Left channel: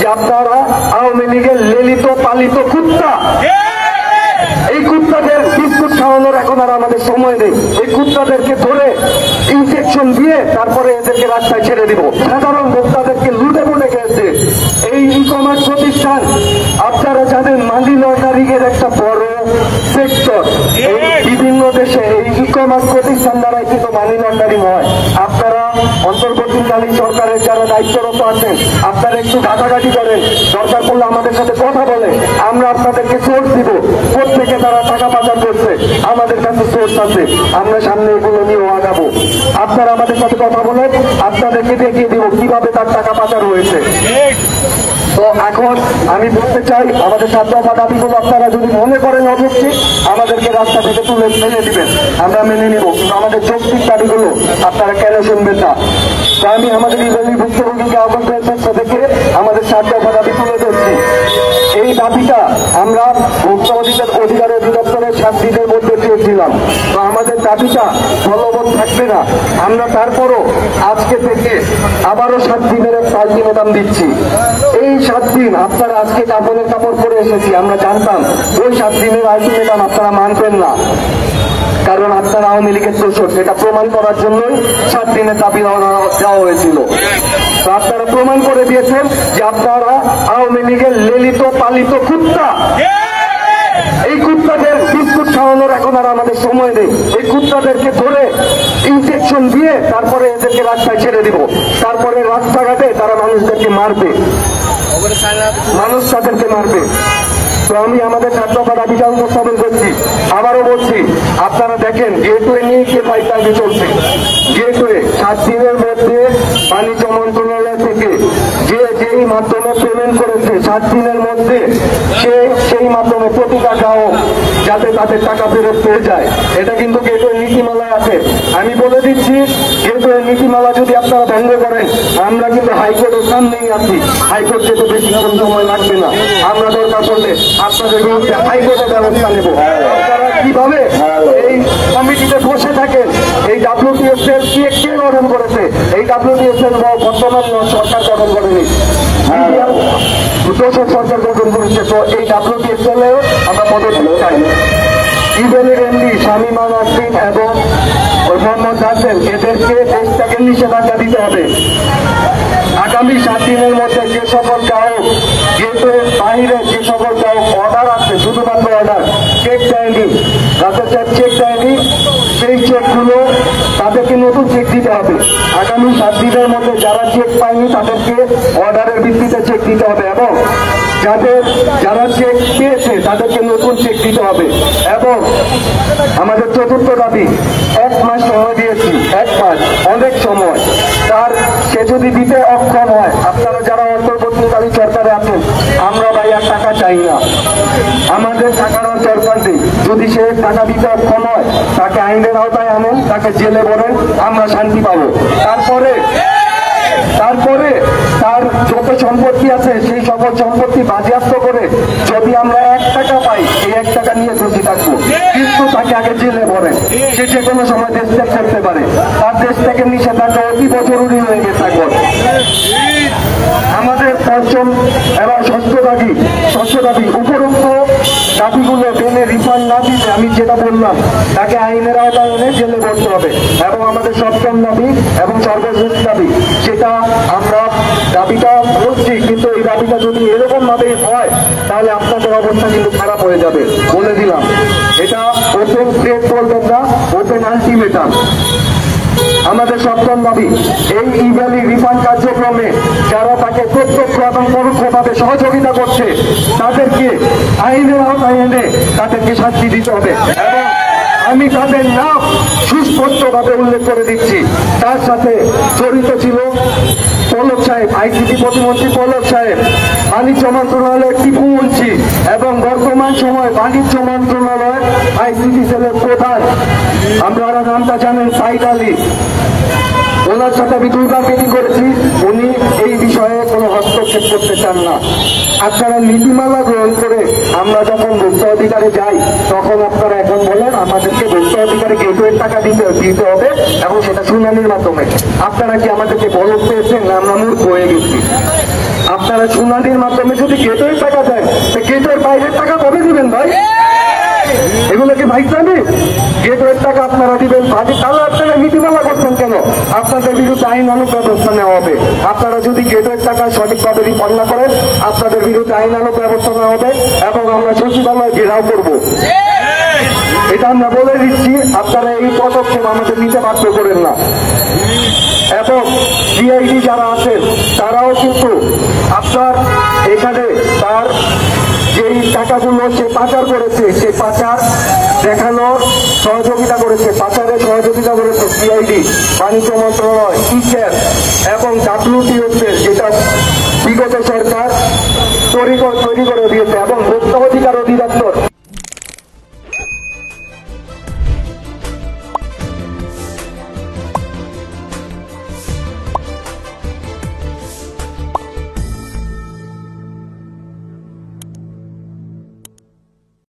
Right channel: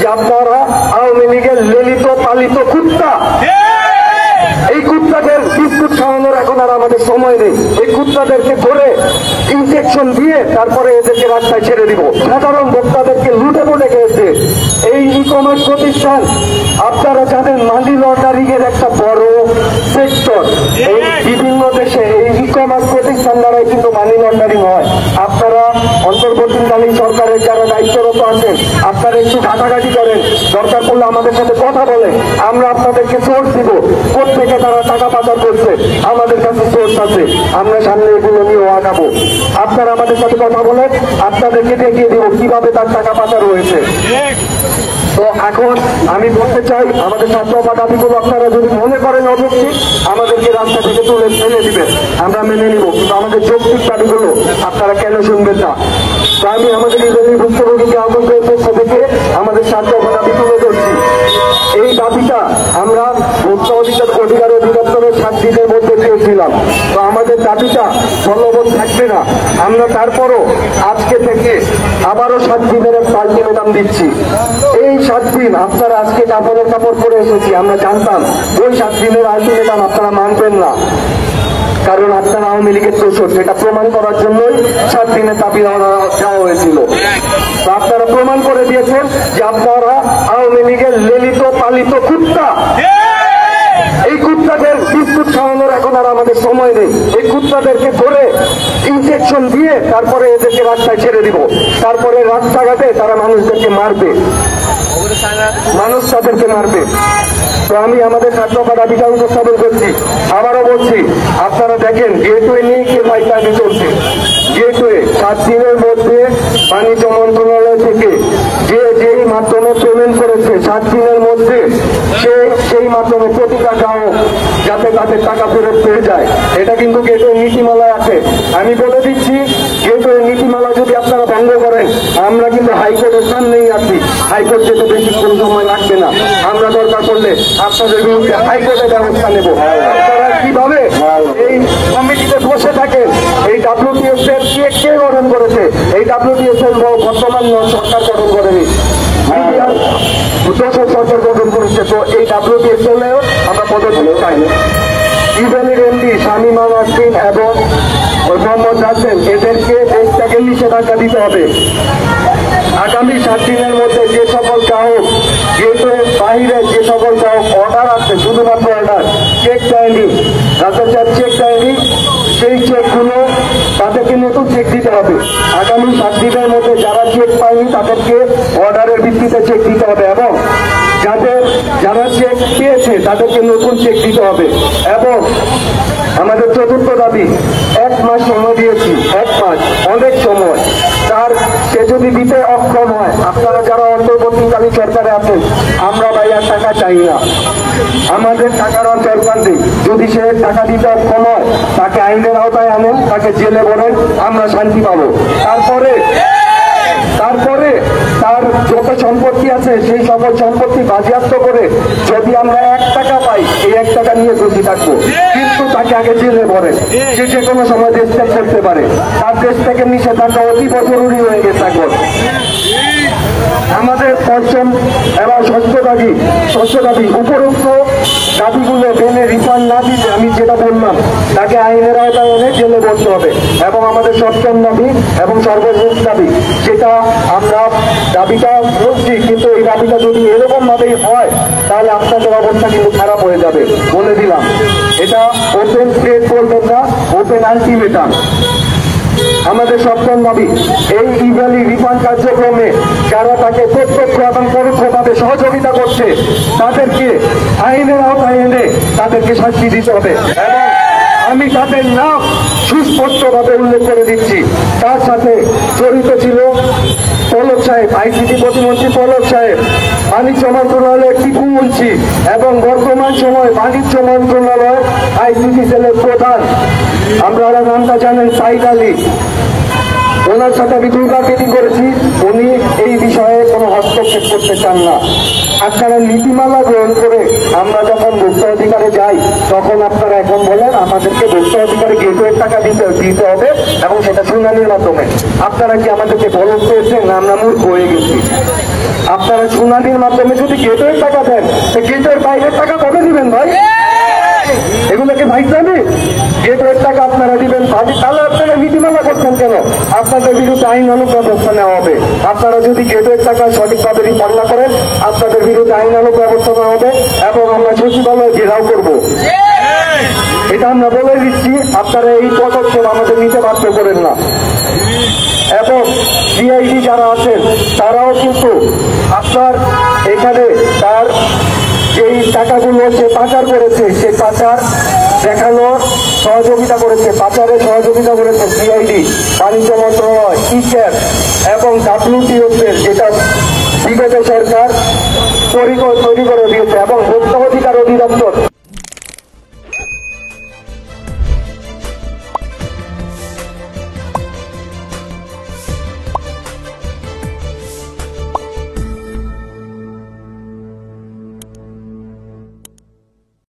যে আপনারা আওয়ামী লীগের ললিত পালিত কুত্তা, এই কুত্তাকে বিস্কুট খাওয়ানোর এখন আর আমাদের সময় নেই। এই কুত্তাদেরকে ধরে ইনজেকশন দিয়ে তারপরে এদেরকে রাস্তায় ছেড়ে দিব। সাধারণ ভোক্তাদেরকে লুটে বলে গেছে এই ই কমার্স প্রতিষ্ঠান। আপনারা যাদের মানি লন্ডারিং এর একটা বড় সেক্টর, বিভিন্ন দেশে এই ই কমার্স প্রতিষ্ঠান দ্বারাই কিন্তু মানি লন্ডারিং হয়। আপনারা অন্তর্বর্তীকালীন সরকারের যারা দায়িত্বরত আছেন, আপনারা একটু ঘাটাঘাটি করেন, দরকার করলে আমাদের সাথে কথা বলেন, আমরা আপনাদেরকে সোর্স দিব। প্রত্যেকে তারা টাকা পাচার করছে, আমাদের কাছে সোর্স আছে, আমরা সামনে এগুলো নিয়ে আগাবো। আপনারা আমাদের সাথে কথা বলেন, আপনাদেরকে দেখিয়ে দিব কিভাবে তার টাকা পাচার হয়েছে। তো এখন আমি বলতে চাই, আমাদের ছাত্র বা দাবিগুলো আপনারা যদি মনে করেন অযৌক্তিক, আমাদেরকে রাস্তা থেকে তুলে ফেলে দিবেন, আমরা মেনে নিব। কিন্তু আমাদের যৌক্তিক দাবিগুলো আপনারা কেন শুনবেন না? তাই আমি আমাদের ইসরায়েলি ভুক্তভোগীকে আমন্ত্রণ পক্ষ থেকে আমাদের ছাত্র বা দাবি তুলে ধরছি। এই দাবিটা আমরা ভোক্তা অধিকার অধিদপ্তরের 7 দিনের মধ্যে পেয়েছিলাম। তো আমাদের দাবিটা বলবৎ থাকবে না। আমরা তারপরও আজকে থেকে আবারও 7 দিনের আলটিমেটাম দিচ্ছি। এই 7 দিন আপনারা আজকে কাপড়ের কাপড় করে এসেছি, আমরা জানতাম ওই 7 দিনের আলটিমেটাম আপনারা মানবেন না, কারণ আপনারা আওয়ামী লীগের দোষর। সেটা প্রমাণ করার জন্যই 7 দিনের দাবি দেওয়া হয়েছিল। তো আপনারা প্রমাণ করে দিয়েছেন যে আপনারা আওয়ামী লীগের ললিত পালিত কুত্তা। এই কুত্তাদের বিস্কুট খাওয়ানোর এখন আর আমাদের সময় নেই। এই কুত্তাদেরকে ধরে ইনজেকশন দিয়ে তারপরে এদেরকে রাস্তায় ছেড়ে দিব। তারপরে রাস্তাঘাটে তারা মানুষদেরকে মারবে, মানুষ তাদেরকে মারবে। তো আমি আমাদের ছাত্র দাবিটা উপস্থাপন করছি। আবারও বলছি, আপনারা দেখেন গেটওয়ে নিয়ে কেন্দ্রায় চলছে। গেটওয়ে 7 দিনের মধ্যে বাণিজ্য মন্ত্রণালয় থেকে যেই মাধ্যমে পেমেন্ট করেছে, 7 দিনের মধ্যে সেই মাধ্যমে প্রতিটা গ্রাহক যাতে তাদের টাকা ফেরত পেয়ে যায়, এটা কিন্তু গেটওয়ে নীতিমালায় আছে। আমি বলে দিচ্ছি, গেটওয়ে নীতিমালা যদি আপনারা ভঙ্গ করেন, আমরা কিন্তু হাইকোর্টের সামনেই আছি। হাইকোর্ট যেতে বেশি সময় লাগবে না। আমরা দরকার পড়লে আপনাদের বিরুদ্ধে হাইকোর্টের ব্যবস্থা নেব। কিভাবে এই কমিটিতে বসে থাকেন? এই WPS এর কে গঠন করেছে? এই WPS এর বর্তমান সরকার গঠন করেনি, সরকার গঠন করেছে। তো এই WPS হলেও আমরা তাদের চাই। ইসরায়েলের এমপি শামীমা নাসরিন এবং মোহাম্মদ রাসেল, এদেরকে দেশ থেকে নিষেধাজ্ঞা দিতে হবে। আগামী 7 দিনের মধ্যে যে সকল গ্রাহক গেটের বাইরে, যে সকল গ্রাহক অর্ডার আছে, শুধুমাত্র অর্ডার, চেক দেয়নি, রাতের চেক দেয়নি, সেই চেকগুলো তাদেরকে নতুন চেক দিতে হবে। আগামী 7 দিনের মধ্যে যারা চেক পায়নি তাদেরকে অর্ডারের ভিত্তিতে চেক দিতে হবে, এবং যারা চেক পেয়েছে তাদেরকে নতুন চেক দিতে হবে। এবং আমাদের চতুর্থ দাবি, 1 মাস সময় দিয়েছি, 1 মাস অনেক সময়। সে যদি দিতে অক্ষম হয়, আপনারা যারা অন্তর্বর্তীকালীন সরকারে আছেন, আমরা ভাই আর টাকা চাই না, আমাদের টাকার দরকার নেই। যদি সে টাকা দিতে অক্ষম হয়, তাকে আইনের আওতায় আনেন, তাকে জেলে ভরেন, আমরা শান্তি পাবো। তারপরে তার যত সম্পত্তি আছে সেই সকল সম্পত্তি বাজেয়াপ্ত করে যদি আমরা 1 টাকা পাই, এই 1 টাকা নিয়ে খুশি থাকবো। কিন্তু তাকে আগে জেলে ভরেন, সে যে কোনো সময় দেশ ত্যাগ করতে পারে। তার দেশ থেকে নিষেধাজ্ঞা অতীব জরুরি হয়ে গেছে এখন। আমাদের 5জন এরা স্বাস্থ্যবাদী উপরোক্ত দাবিগুলো মেনে রিফান্ড না দিতে, আমি যেটা বললাম, তাকে আইনের আওতায় এনে জেলে ভরতে হবে। এবং আমাদের 7ম দাবি এবং সর্বশেষ দাবি, সেটা আমরা দাবিটা বলছি, কিন্তু এই দাবিটা যদি এরকম ভাবেই হয়, তাহলে আপনাদের অবস্থা কিন্তু খারাপ হয়ে যাবে, বলে দিলাম। এটা ওপেন স্টেট বলবেন না, ওপেন আলটিমেটাম। আমাদের 7ম দাবি, এই ইসরায়েলি রিফান্ড কার্যক্রমে যারা তাকে প্রত্যক্ষ এবং পরোক্ষভাবে সহযোগিতা করছে, তাদেরকে আইনের আওতায় এনে তাদেরকে শাস্তি দিতে হবে। আমি তাদের নাম সুস্পষ্টভাবে উল্লেখ করে দিচ্ছি। তার সাথে জড়িত ছিল পলক সাহেব, ICT প্রতিমন্ত্রী পলক সাহেব, বাণিজ্য মন্ত্রণালয়ের টিপু মুন্সি, এবং বর্তমান সময় বাণিজ্য মন্ত্রণালয় ICT সেলের প্রধান, আপনারা নামটা জানেন, সাইদ আলী। ওনার সাথে আমি 2বার মিটিং করেছি, উনি এই বিষয়ে কোনো হস্তক্ষেপ করতে চান না। আপনারা নীতিমালা গ্রহণ করে আমরা যখন ভোক্তা অধিকারে যাই, তখন আপনারা এখন বলেন আমাদেরকে ভোক্তা অধিকারে গেটওয়ের টাকা দিতে হবে, এবং সেটা শুনানির মাধ্যমে। আপনারা কি আমাদেরকে বলতে পেরেছেন? আমরা মূর্খ হয়ে গেছি। আপনারা শুনানি গান্ধীর মাধ্যমে যদি গেটের টাকা দেন, গেটের বাইরে টাকা কবে দিবেন ভাই? এগুলোকে ভাই জানি গেটের টাকা আপনারা দিবেন ভাই, তাহলে আপনারা নীতিমালা করছেন কেন? আপনাদের বিরুদ্ধে আইনানুগ ব্যবস্থা নেওয়া হবে। আপনারা যদি গেটের টাকা সঠিকভাবে রিফান্ড না